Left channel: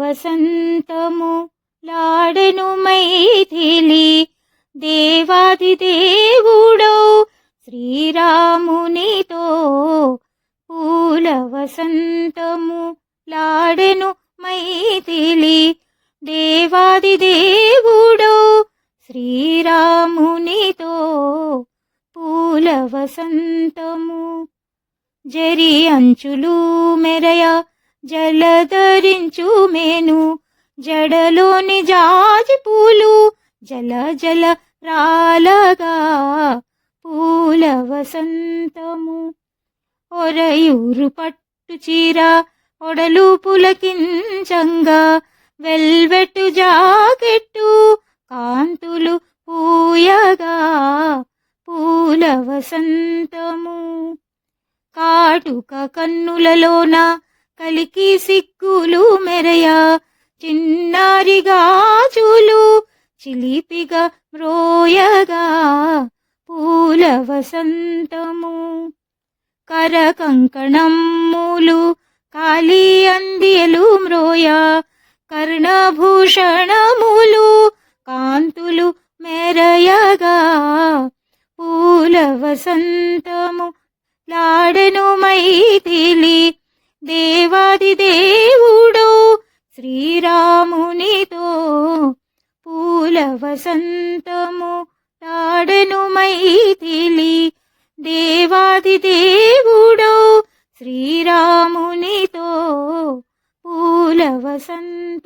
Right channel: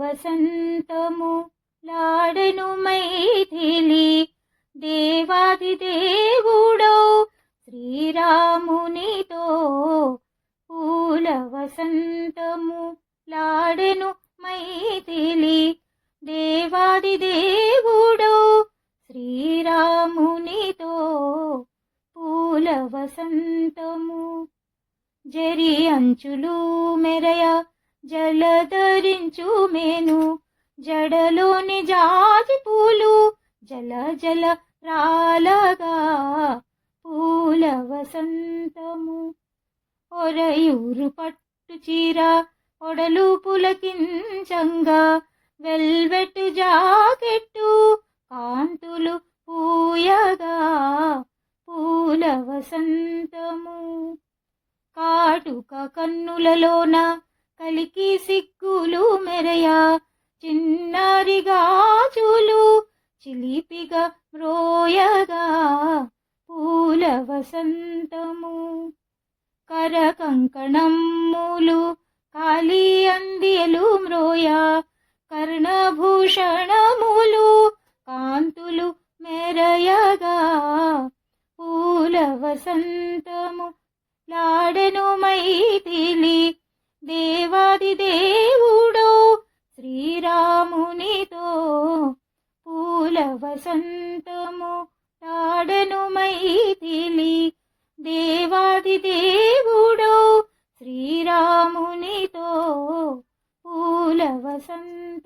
వసంతము Laden Maithili దేవాది దేవుడో శ్రీరామునితో పూల వసంతము లాడెను మైథిలి దేవాది దేవుడో శ్రీరామునితో పూల వసంతము జరి అంచులు మెరయ జలధరించు మేను జడలోని జాజి పూలు జల జల రాలగా పూల వసంతము ఒరయూరు పట్టు చీర ఒడలు పులకించంగా వెల్వెట్టు జాకెట్టు కాంతులు పూయగా పూల వసంతము కాటుక కన్నులలోన కలికి సిగ్గులు మెరయ చిన్నారి గాజులు చిలిపిగా మ్రోయగా పూల వసంతము కర కంకణమ్ములు కాలి అందియలు మ్రోయ కర్ణభూషణములు కాంతులు మెరయగా పూల వసంతము లాడెను మైథిలి దేవాది దేవుడు శ్రీరామునితో పూల వసంతము లాడెను మైథిలి దేవాది దేవుడు శ్రీరామునితో పూల వసంత